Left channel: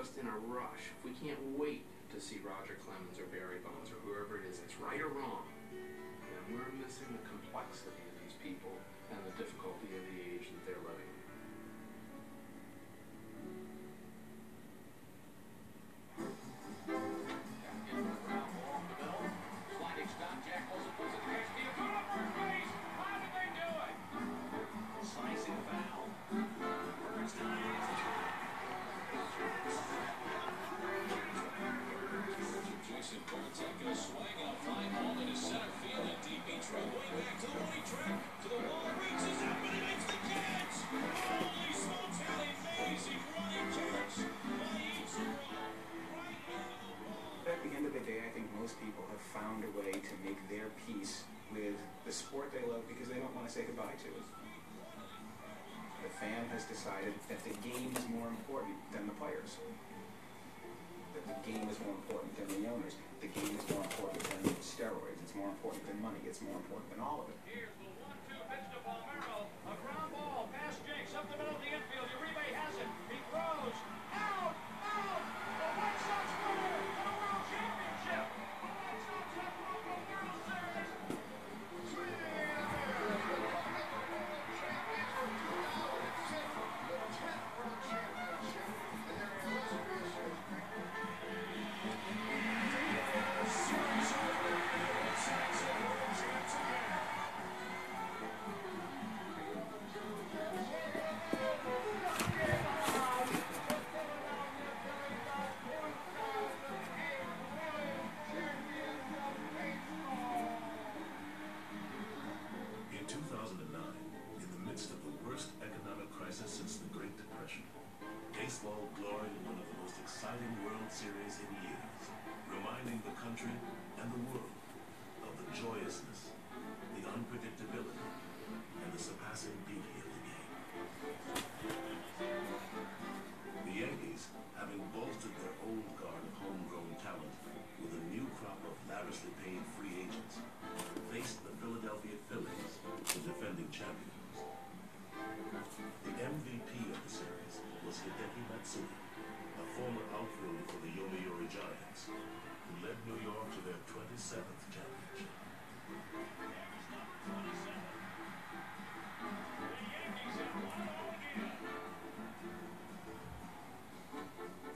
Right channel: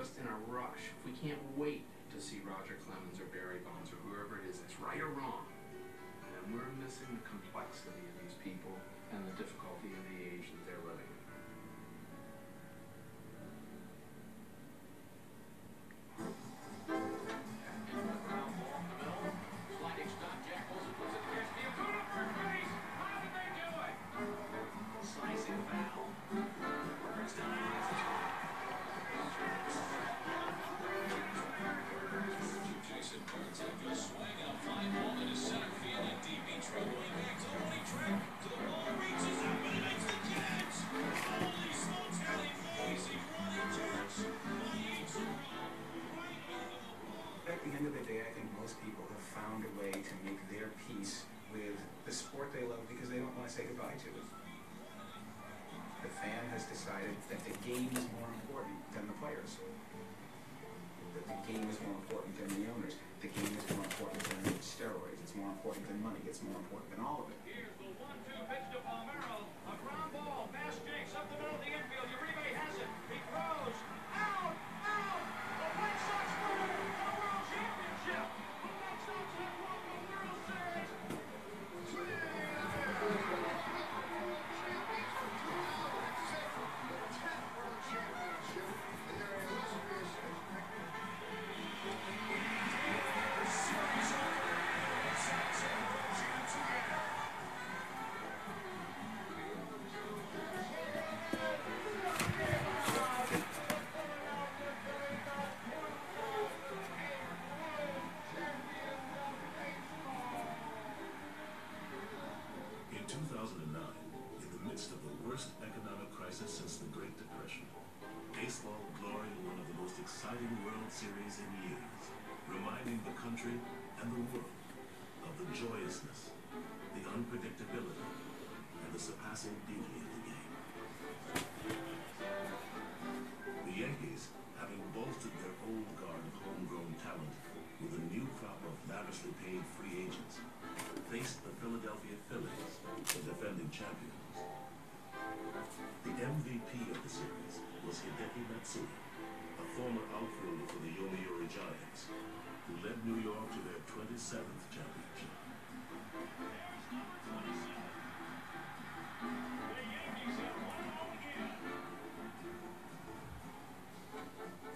just in a rush, if we can't wait to see Roger Clemens or Barry Bonds or whoever it is that's right or wrong, then we're missing the complexity of these people and the difficulty of the age that they're living in. At the end of the day, I think most people have found a way to make their peace with the sport they love because they don't want to say goodbye to it. The fan has decided that the game is more important than the players. That the game is more important than the owners. The game is more important than steroids. It's more important than money. It's more important than all of it. Here's the 1-2 pitch to Palmeiro. A ground ball past Jakes up the middle of the infield. Uribe has it. He throws. Out! Out! The White Sox win the World Championship! The White Sox have won the World Series! In 2009, in the midst of the worst economic crisis since the Great Depression, baseball gloried in one of the most exciting World Series in years, reminding the country and the world of the joyousness, the unpredictability, and the surpassing beauty of the game. The Yankees, having bolstered their old guard of homegrown talent with a new crop of lavishly paid free agents, faced the Philadelphia Phillies, the defending champions. The MVP of the series was Hideki Matsui, a former outfielder for the Yomiuri Giants, who led New York to their 27th championship.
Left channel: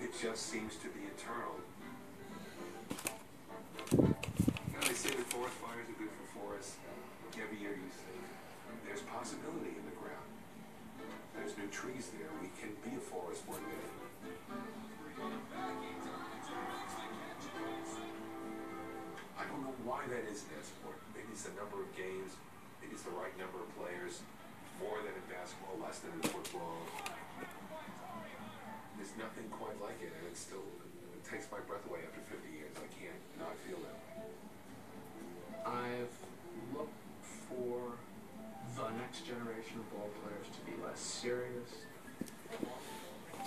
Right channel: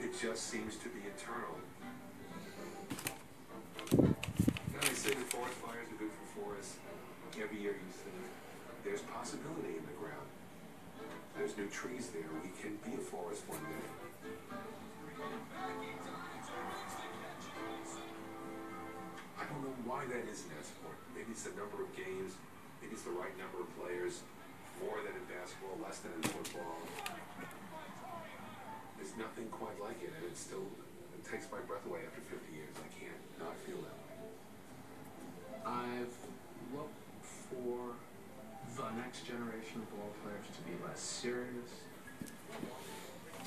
It just seems to be eternal. Now they say the forest fires are good for forests. Every year you say there's possibility in the ground. There's new trees there. We can be a forest one day. I don't know why that is in that sport. Maybe it's the number of games. Maybe it's the right number of players. More than in basketball, less than in football. There's nothing quite like it, and it takes my breath away after 50 years. I can't not feel that way. I've looked for the next generation of ball players to be less serious,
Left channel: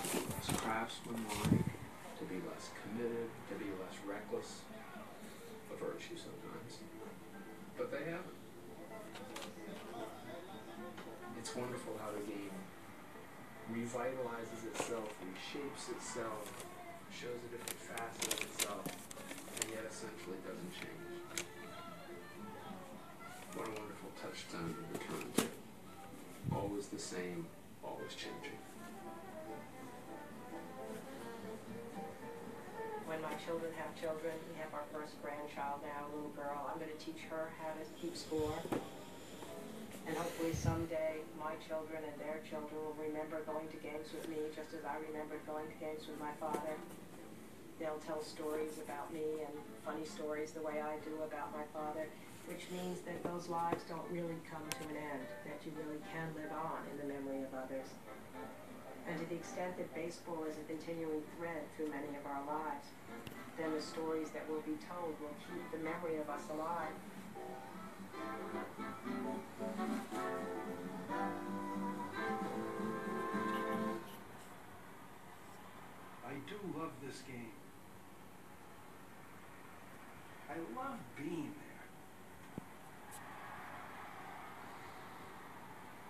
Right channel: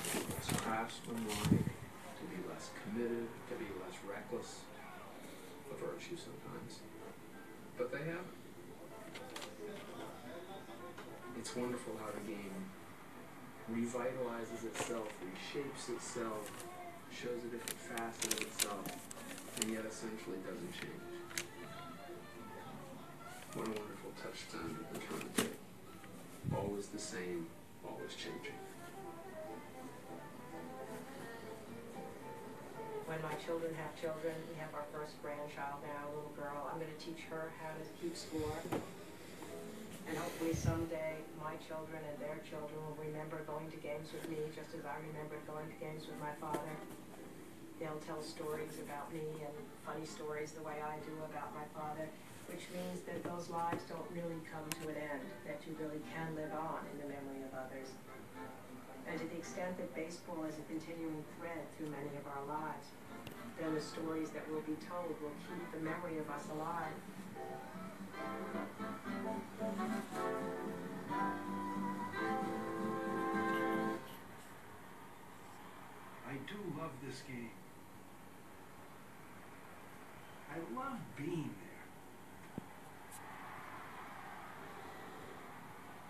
less craftsmanlike, to be less committed, to be less reckless, a virtue sometimes. But they haven't. It's wonderful how the game revitalizes itself, reshapes itself, shows a different facet of itself, and yet essentially doesn't change. What a wonderful touchstone to return to. Always the same, always changing. When my children have children, we have our first grandchild now, a little girl. I'm going to teach her how to keep score. And hopefully someday my children and their children will remember going to games with me just as I remembered going to games with my father. They'll tell stories about me and funny stories the way I do about my father, which means that those lives don't really come to an end, that you really can live on in the memory of others. And to the extent that baseball is a continuing thread through many of our lives, then the stories that will be told will keep the memory of us alive. I do love this game. I love being there.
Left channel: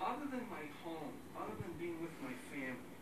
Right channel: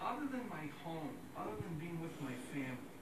Other than my home, other than being with my family,